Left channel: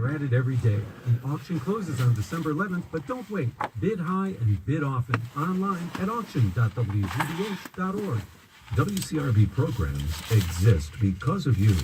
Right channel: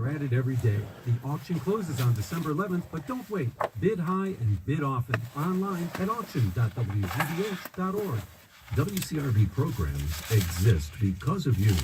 are added every day. The auction closes on December 11th, but don't wait. Bid high and bid often. Online at auction.wgbh.org. WCRB programs exist because of you.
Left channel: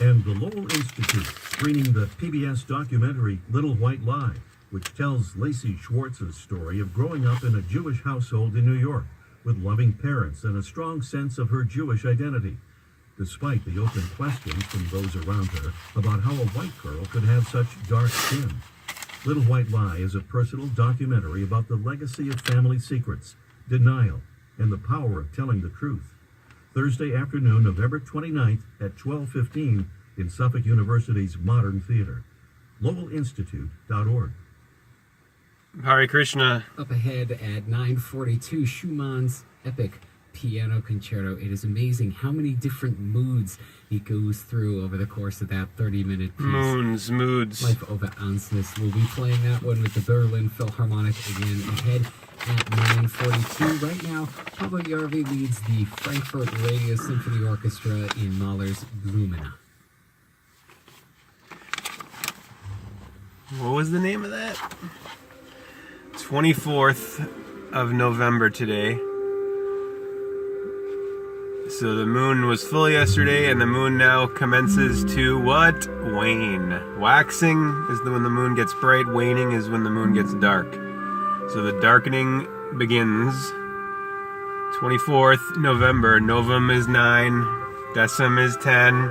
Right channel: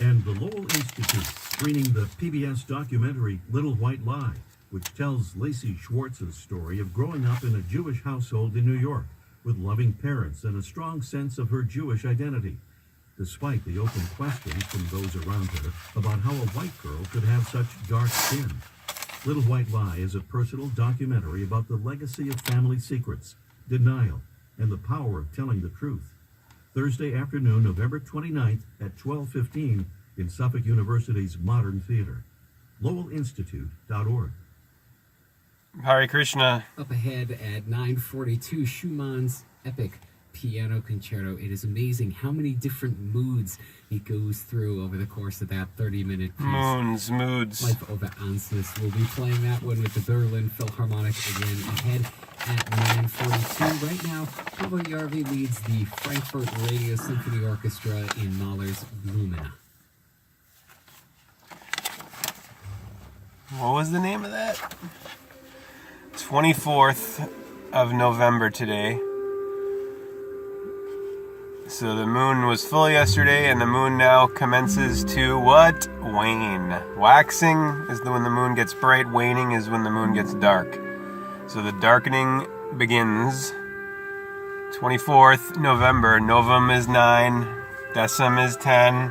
And the Lowell Institute, screening the PBS documentary Little White Lie, which tells Lacey Schwartz's story of growing up in a Jewish household in New York, with loving parents and a strong sense of her Jewish identity, despite the open questions from those around her about how a white girl could have such dark skin. Little White Lie is a personal documentary about the legacy of family secrets, denial, and the power of telling the truth. Thursday afternoon, November 29th at 12:15 in Suffolk University's Modern Theater. LowellInstitute.org. Hare Krishna. Up ahead at 9:42, Schumann's epic piano concerto. It is amazing how many different moods he goes through over the course of that 30-minute piece. Moods. Life over Ansness. We'll be playing that one with the Berlin Philharmonic again ahead at 9:42. Right now, Pablo Yarvi leads the Frankfurt Radio Symphony Orchestra in Mahler's Blumina. What was the name of that? 24th of November today. So the moon was full yesterday, and the moon now commences to what? Wane. Waxing is when the moon gets bright. Waning is when the moon gets dark. So the darkening begins 24th November. Novum is 9. Decim is 10.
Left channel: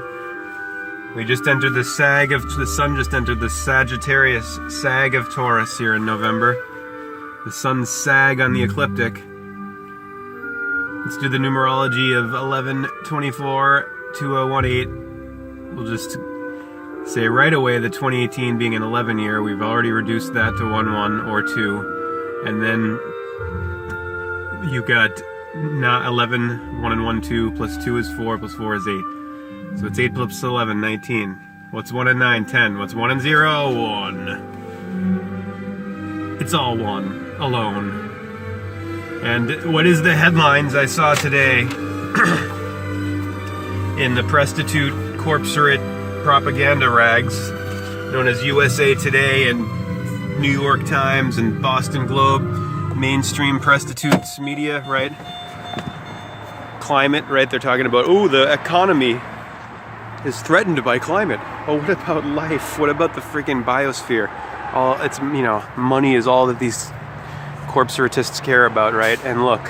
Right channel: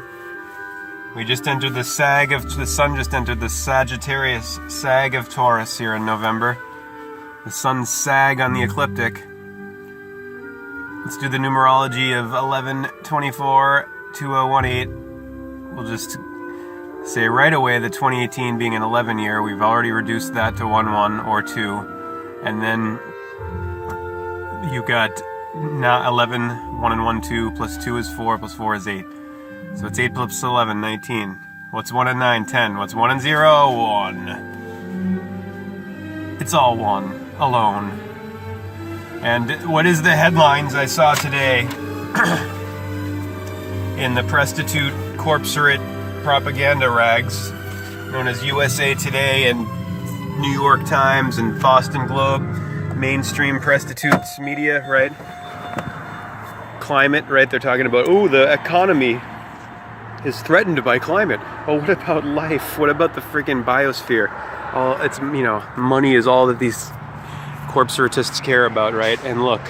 We just entered the sag of... The sun just entered the Sagittarius sag of Taurus here in November. The sun's sag on the ecliptic. Let's do the numerology of 11/24/2018. We'll just say right away that 2018 being an 11 year, we've already reduced that to 1/1 or 2. And then you got not 11, 1 and 1, 2, plus 2 is 4, plus 4 is 8. So it's 8 plus 11, 19. What's 1 and 9, 10. What's 1 and 0, 1. It's all 1, alone. And what is the headlines I saw today in the prostitute corpsorate propaganda rags known as USA Today and New York Times and Boston Globe, mainstream prostitutes media, right? Climate, right? They're talking about, oh, the economy is threatened by climate. Oh, what about life? What about the freaking biosphere? All it's, money is all that these corpsoratists care about, right? And look,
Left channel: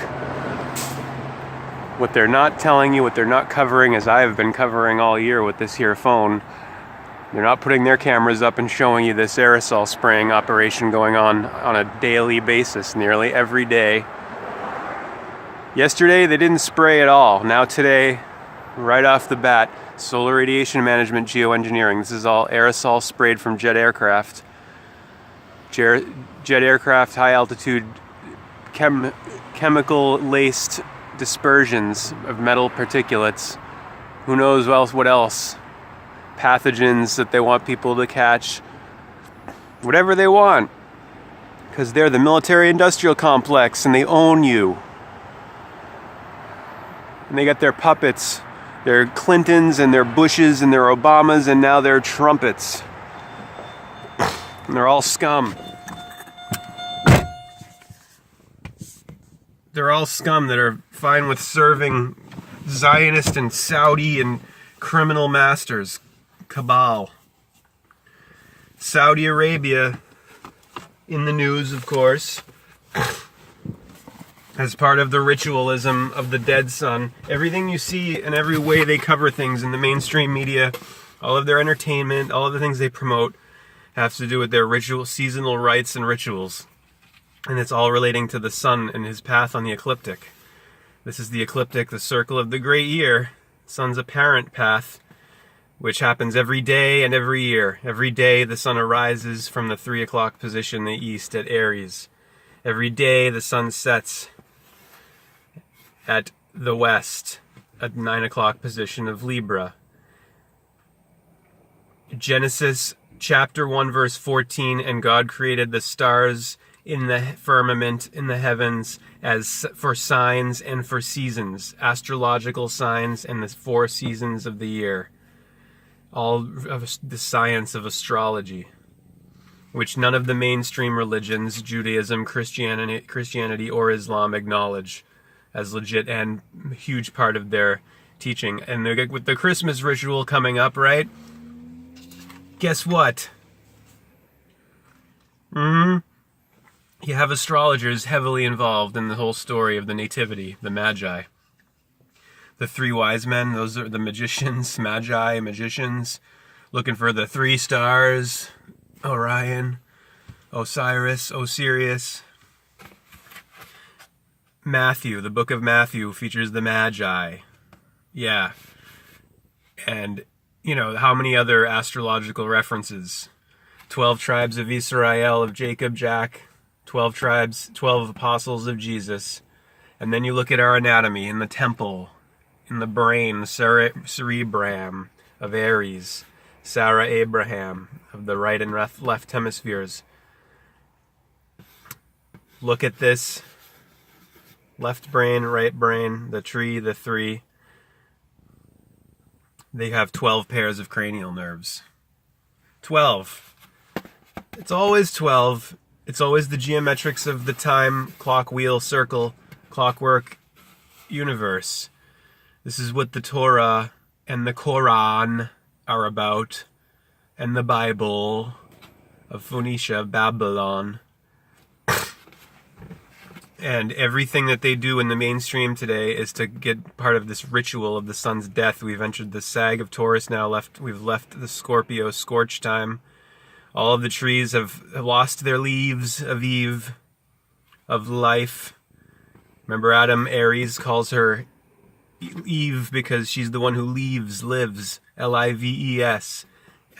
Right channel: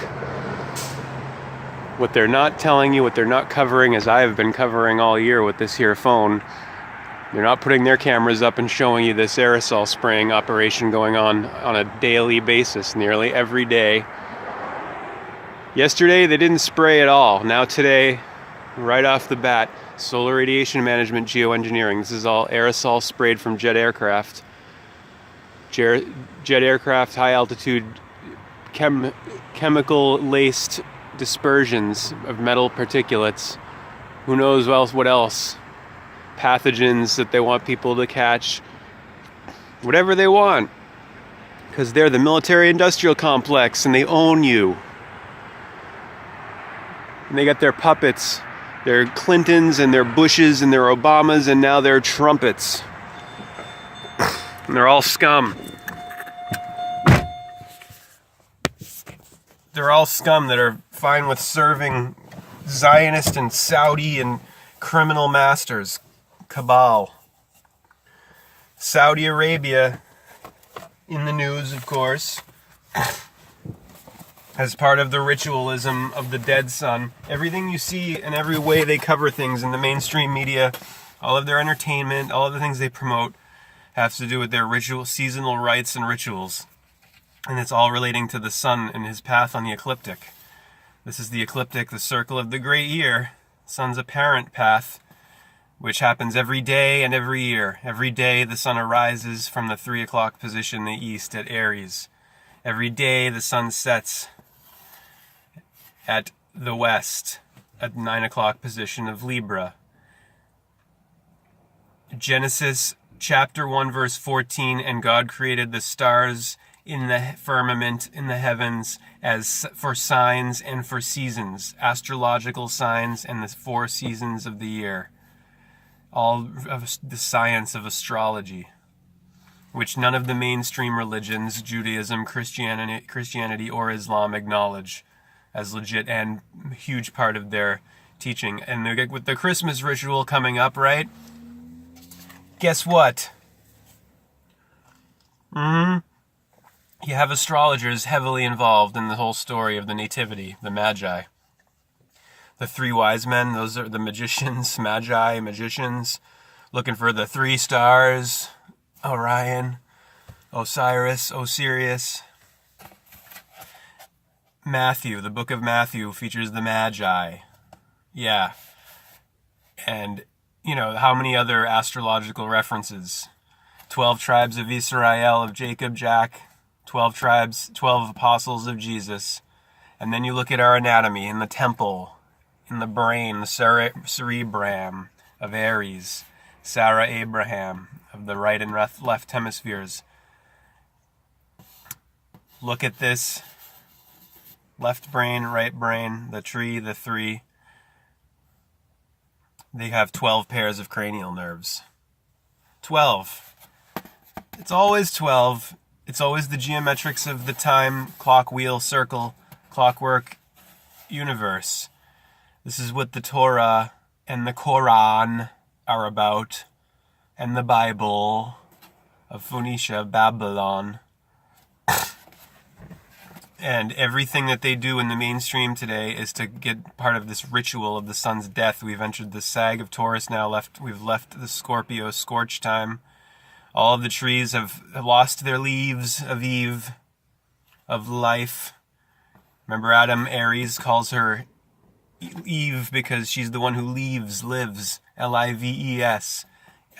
what they're not telling you, what they're not covering, as I have been covering all year with this here phone, they're not putting their cameras up and showing you this aerosol spraying operation going on a daily basis, nearly every day. Yesterday, they didn't spray at all. Now today, right off the bat, solar radiation management geoengineering. This is all aerosol sprayed from jet aircraft. Jet aircraft, high altitude, chemical-laced dispersions of metal particulates. Who knows what else? Pathogens that they want people to catch. Whatever they want. Because they're the military-industrial complex and they own you. And they got their puppets. Their Clintons and their Bushes and their Obamas and now their Trumpets. And they're all scum. They're all scum that are fine with serving Zionist and Saudi and criminal masters. Cabal. Saudi Arabia, in the news, of course, as part of the ritualism of the dead sun. Everything you see and every way they cover things in the mainstream media, all of their entertainment, all of the things they promote, has to do with their seasonal rites and rituals. And it's all relating to the sun and his path on the ecliptic. This is the ecliptic, the circle of the great year, sun's apparent path, which happens every day and every year. Every day the sun arises from the 3 o'clock position in the east at Aries. Every day the sun sets at the west at 9 o'clock position of Libra. Genesis chapter 1 verse 14, and God created the stars in the firmament in the heavens as for signs and for seasons, astrological signs and the 4 seasons of the year. all of the science of astrology, which none of the mainstream religions, Judaism, Christianity, or Islam, acknowledge as legit and a huge part of their teaching. And with the Christmas ritual coming up, right? Guess what? You have astrologers heavily involved in the whole story of the nativity, the Magi. The three wise men, those are the magicians, Magi, magicians, looking for the 3 stars, Orion, Osiris, Osirius. Matthew, the book of Matthew features the Magi. Yeah. And, you know, how many other astrological references? 12 tribes of Israel, of Jacob, Jack, 12 tribes, 12 apostles of Jesus. And then you look at our anatomy in the temple, in the brain, the cerebrum of Aries, Sarah Abraham of the right and left hemispheres. Look at this. Left brain, right brain, the tree, the 3. They have 12 pairs of cranial nerves. 12. It's always 12. It's always the geometrics of the time, clock, wheel, circle, clockwork universe. This is what the Torah and the Quran are about, and the Bible of Phoenicia, Babylon. And everything that they do in the mainstream today is to get part of this ritual of the sun's death. We've entered the sag of Taurus now. We've left the Scorpio scorch time. All of the trees have lost their leaves of Eve, of life. Remember Adam, Aries calls her Eve because she's the one who lives. L-I-V-E-S.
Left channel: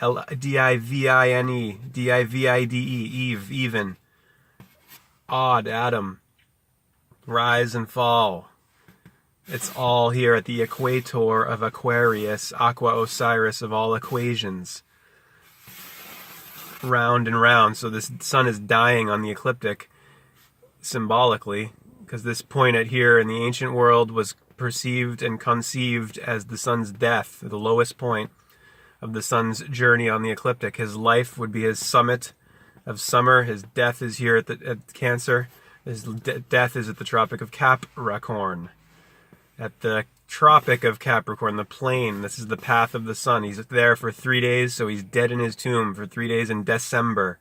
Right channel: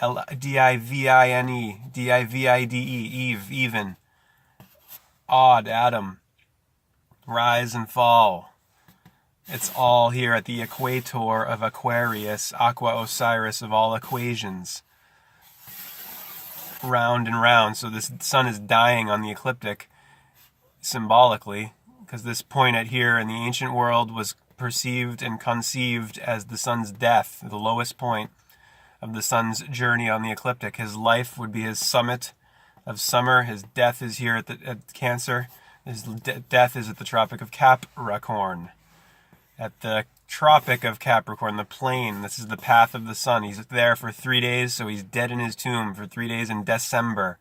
L-D-I-V-I-N-E. D-I-V-I-D-E. Eve, even. Odd, Adam. Rise and fall. It's all here at the equator of Aquarius, Aqua Osiris of all equations. Round and round. So this sun is dying on the ecliptic, symbolically, because this point at here in the ancient world was perceived and conceived as the sun's death, the lowest point of the sun's journey on the ecliptic. His life would be his summit of summer. His death is here at Cancer. His death is at the Tropic of Capricorn. At the Tropic of Capricorn, the plane, this is the path of the sun. He's there for 3 days, so he's dead in his tomb for 3 days in December.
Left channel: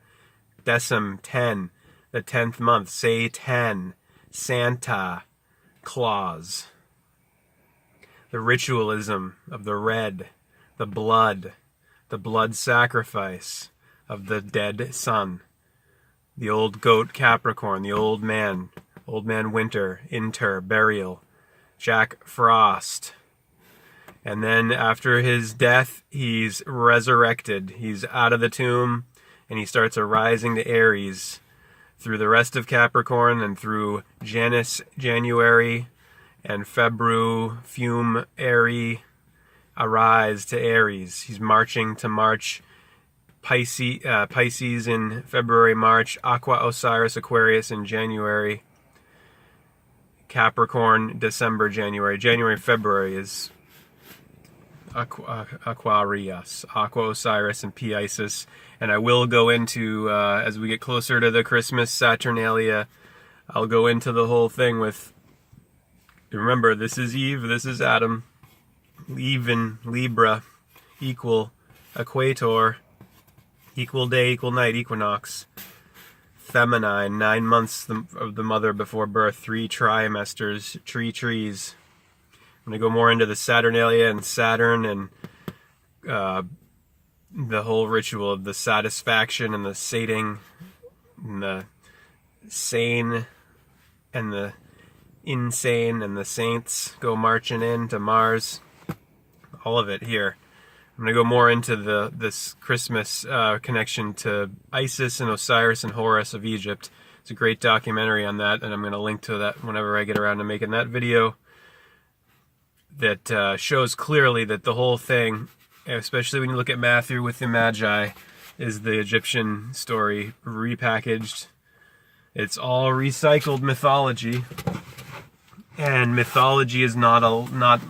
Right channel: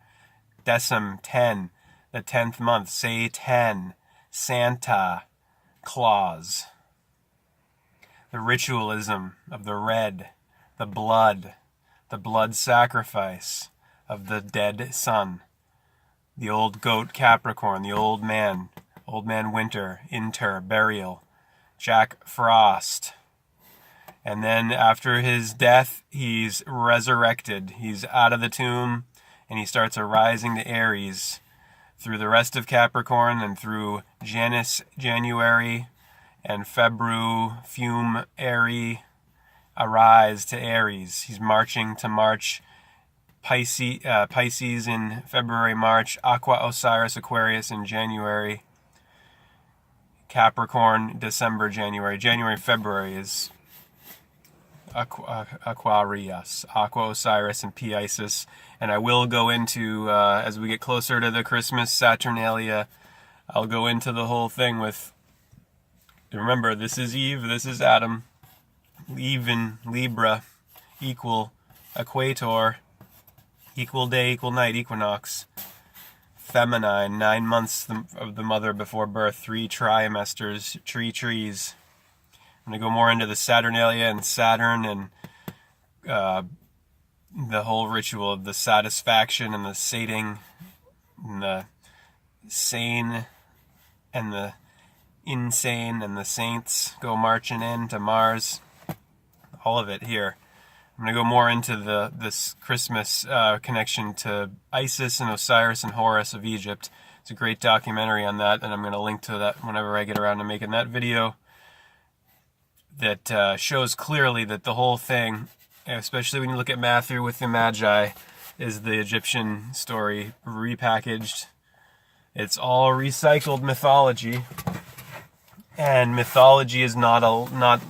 Decem 10, the 10th month. Say 10. Santa Claus. The ritualism of the red, the blood sacrifice of the dead sun. The old goat Capricorn, the old man winter, burial, Jack Frost. And then after his death, he's resurrected. He's out of the tomb, and he starts arising to Aries through the rest of Capricorn and through Janus, January, and Febru, Fume, Aries, arise to Aries. He's marching to March. Pisces in February, March, Aqua Osiris, Aquarius in January, Capricorn, December, January, February is Aquarius, Aqua Osiris, and Pisces. And I will go into, as we get closer to the Christmas Saturnalia, I'll go into the whole thing with, remember, this is Eve, this is Adam, even, Libra, equal, equator, equal day, equal night, equinox. Feminine, 9 months of the mother before birth, 3 trimesters, trees. I'm going to go more into the Saturnalia and Saturn and the whole ritual of the satisfaction and the sating and the sane and the insane and the saints go marching into Mars. All of it here. I'm going to go more into this Christmas connection to Isis and Osiris and Horus of Egypt. It's a great documentary on that, and I'm going to link to that whenever I get around to making that video. That shows clearly that the whole thing, especially when you look at Matthew with the Magi, is the Egyptian story repackaged. It's all recycled mythology, and mythology is not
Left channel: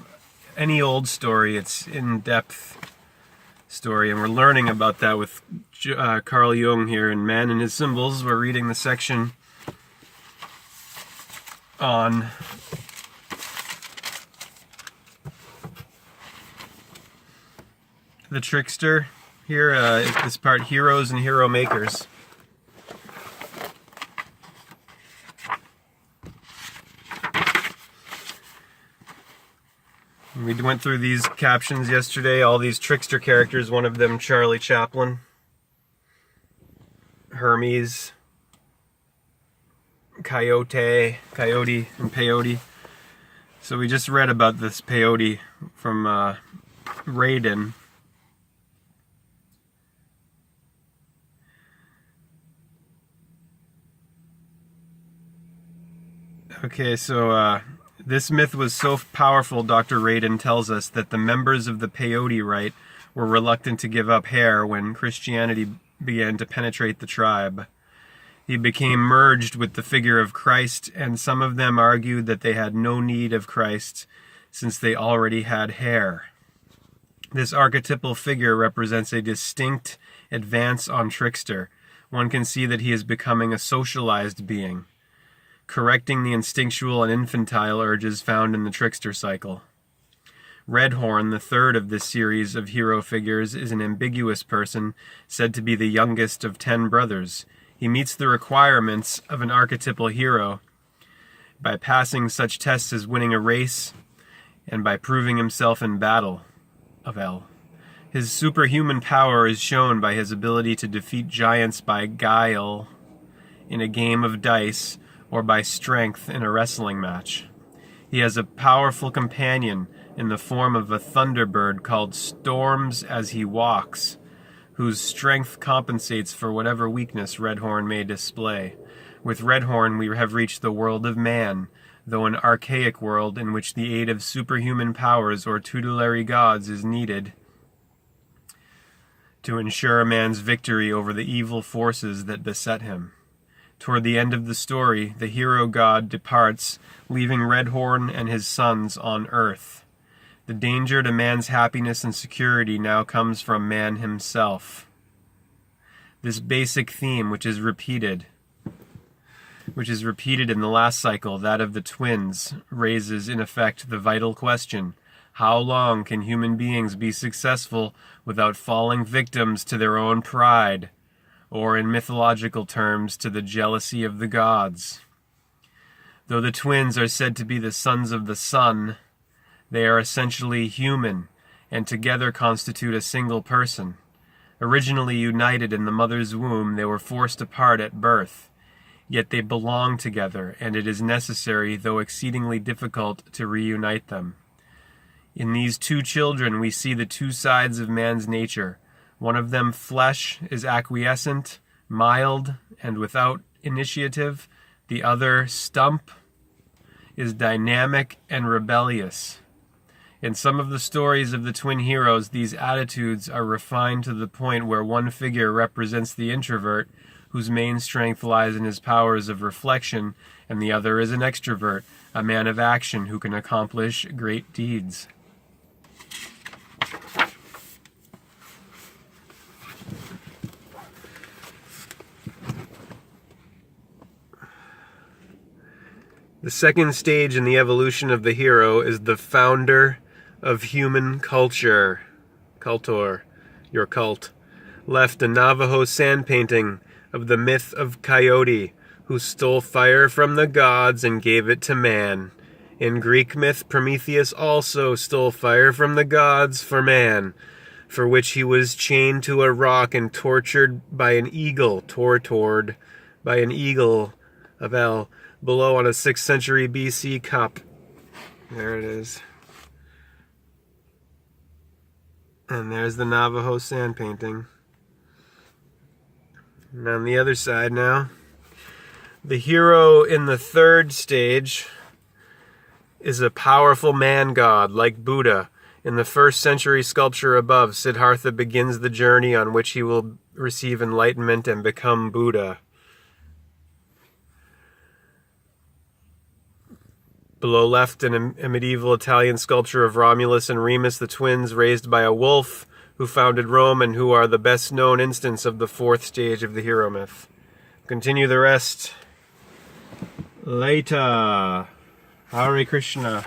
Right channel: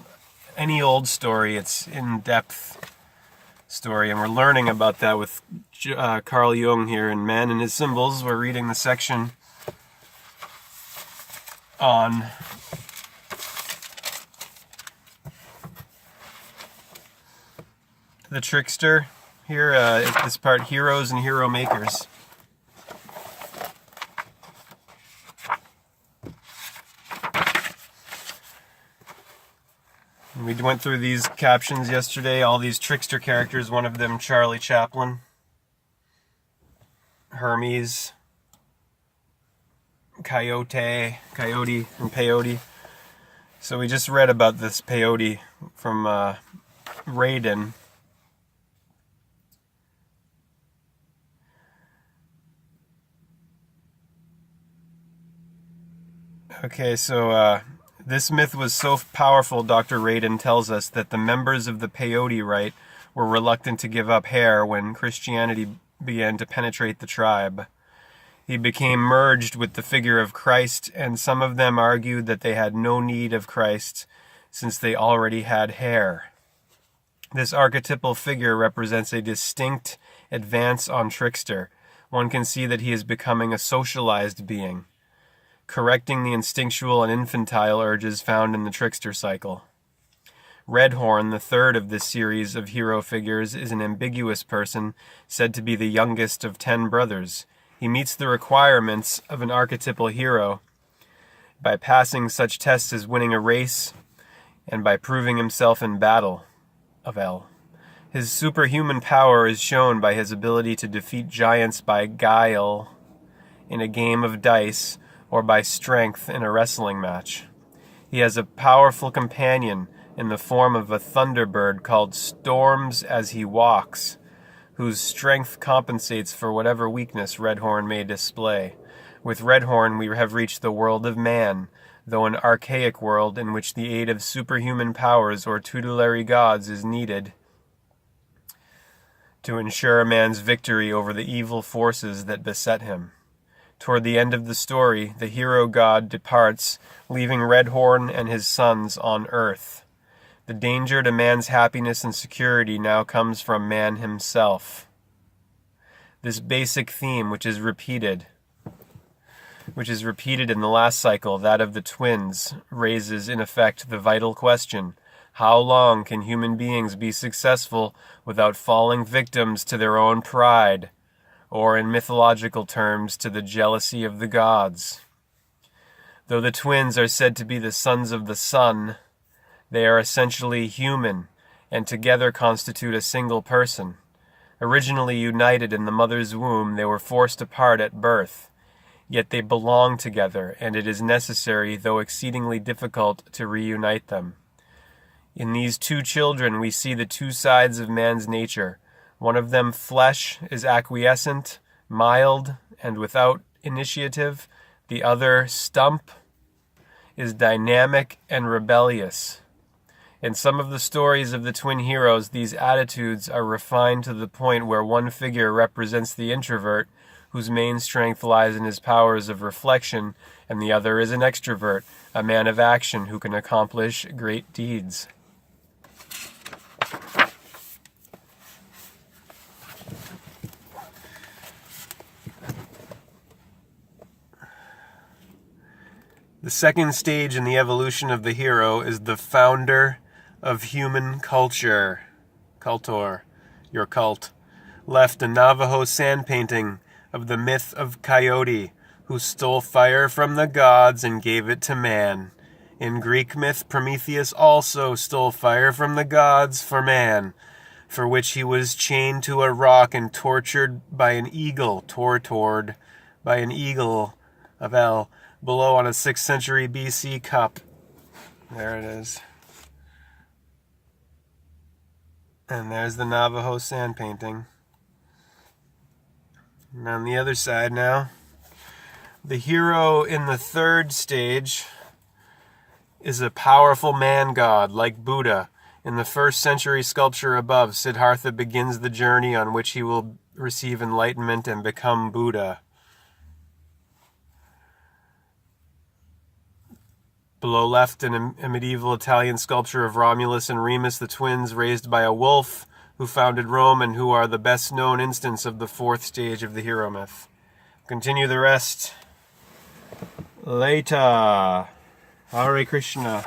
any old story. It's in depth. story, and we're learning about that with Carl Jung here in Man and His Symbols. We're reading the section on the trickster. Here, this part, heroes and hero makers. We went through these captions yesterday, all these trickster characters, one of them Charlie Chaplin, Hermes, Coyote, and Peyote. So we just read about this Peyote from Raiden. Okay, so this myth was so powerful, Dr. Raiden tells us, that the members of the Peyote rite were reluctant to give up hair when Christianity began to penetrate the tribe. He became merged with the figure of Christ, and some of them argued that they had no need of Christ since they already had hair. This archetypal figure represents a distinct advance on trickster. One can see that he is becoming a socialized being, correcting the instinctual and infantile urges found in the trickster cycle. Redhorn, the third of this series of hero figures, is an ambiguous person, said to be the youngest of 10 brothers. He meets the requirements of an archetypal hero by passing such tests as winning a race and by proving himself in battle. His superhuman power is shown by his ability to defeat giants by guile in a game of dice, or by strength in a wrestling match. He has a powerful companion in the form of a thunderbird called Storms as he walks, whose strength compensates for whatever weakness Redhorn may display. With Redhorn we have reached the world of man, though an archaic world in which the aid of superhuman powers or tutelary gods is needed to ensure a man's victory over the evil forces that beset him. Toward the end of the story, the hero god departs, leaving Redhorn and his sons on Earth. The danger to man's happiness and security now comes from man himself. This basic theme, which is repeated in the last cycle, that of the twins, raises in effect the vital question: how long can human beings be successful without falling victims to their own pride, or in mythological terms, to the jealousy of the gods? Though the twins are said to be the sons of the sun, they are essentially human, and together constitute a single person. Originally united in the mother's womb, they were forced apart at birth. Yet they belong together, and it is necessary, though exceedingly difficult, to reunite them. In these two children we see the two sides of man's nature. One of them, flesh, is acquiescent, mild, and without initiative. The other, stump, is dynamic and rebellious. In some of the stories of the twin heroes, these attitudes are refined to the point where one figure represents the introvert, whose main strength lies in his powers of reflection, and the other is an extrovert, a man of action who can accomplish great deeds. The second stage in the evolution of the hero is the founder of human culture. Cultor, your cult. Left a Navajo sand painting of the myth of Coyote, who stole fire from the gods and gave it to man. In Greek myth, Prometheus also stole fire from the gods for man, for which he was chained to a rock and tortured by an eagle, of El, below on a 6th century BC cup. There it is. And there's the Navajo sand painting. And on the other side now, the hero in the third stage is a powerful man god like Buddha. In the 1st century sculpture above, Siddhartha begins the journey on which he will receive enlightenment and become Buddha. Below left, a medieval Italian sculpture of Romulus and Remus, the twins, raised by a wolf who founded Rome and who are the best known instance of the fourth stage of the hero myth. Continue the rest later. Hare Krishna.